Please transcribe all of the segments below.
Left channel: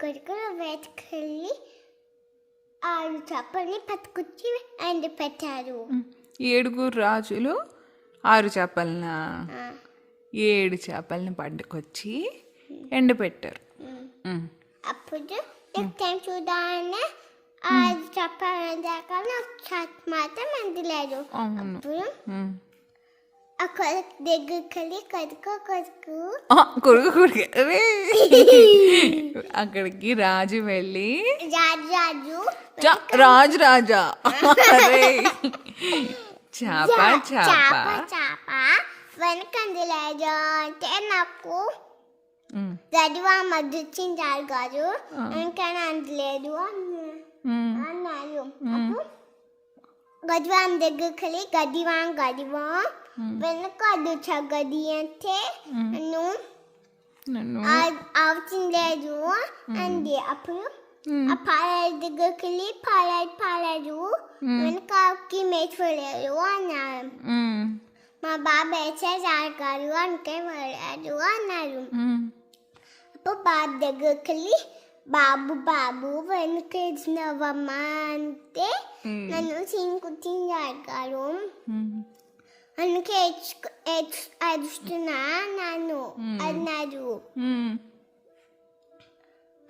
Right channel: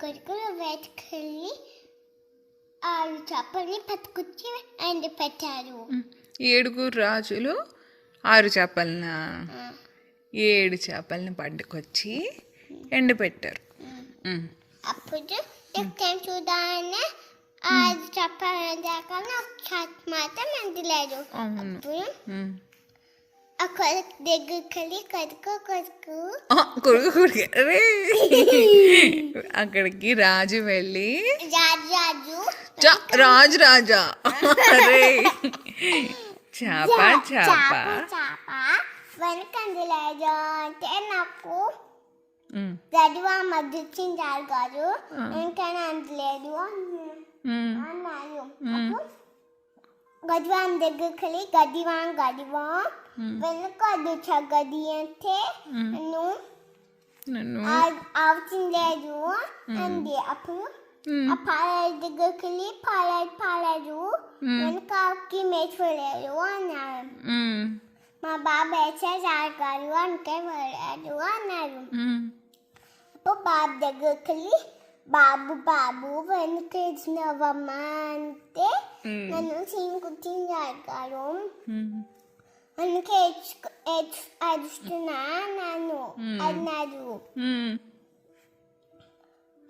కొడుకులు వేసుకెళ్ళి 6 చేపల్ని పట్టుకొచ్చి ఎండ పెట్టారు. 7 రాజులు 6 చేపలనా? 7 చేపల్ని పట్టుకొచ్చి ఎండపెట్టారు. అప్పుడు ఎక్కడ చూడాలని 6 చేపల దాకా మాత్రం ఎండలేదు. అప్పుడు అక్కడ దగ్గరికి కొడుకు అక్కడికి రాజు వెళ్ళి రాజా అరే చేప వెనకండి లేదు అంటే నాకు గడివా మధ్యచించారు కాదు వెనకనే అందలేదు అన్నారు. గడివాన్ దగ్గరికి వెళ్ళి గడివా వెనక అడ్డు గది అంటే నన్ను అవుతుండలేదు అంది. అప్పుడు ఆ పాలెడు దగ్గరికి వెళ్ళి పాలాడు వెనకకి మేసుకోలేదు అన్నారు. మా బాబు వేసేసారు కాదు అంటే వెళ్ళాడు అన్నారు. అప్పుడు బాబు దగ్గరికి వెళ్ళి బాబు వెనక వేసినవమ్మా అంటే నన్ను సింకుతించారు కాదు అందుకే అరుస్తున్నా నన్ను అన్నారు.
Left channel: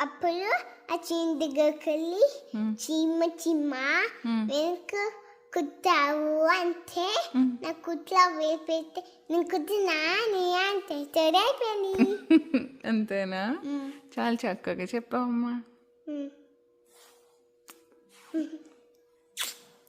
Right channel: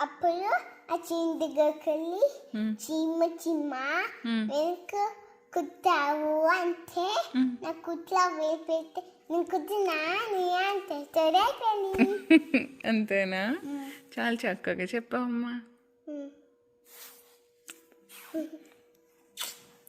అప్పుడు ఆ చీమ దగ్గరికి వెళ్ళి చీమ వెనక కుట్టావు అంటే నా కుట్లో వేపెట్టి నేను కుట్టినా నీ అంటే సరైపోయింది. అంతేనా? చాలా చక్కగా చెప్పావమ్మా.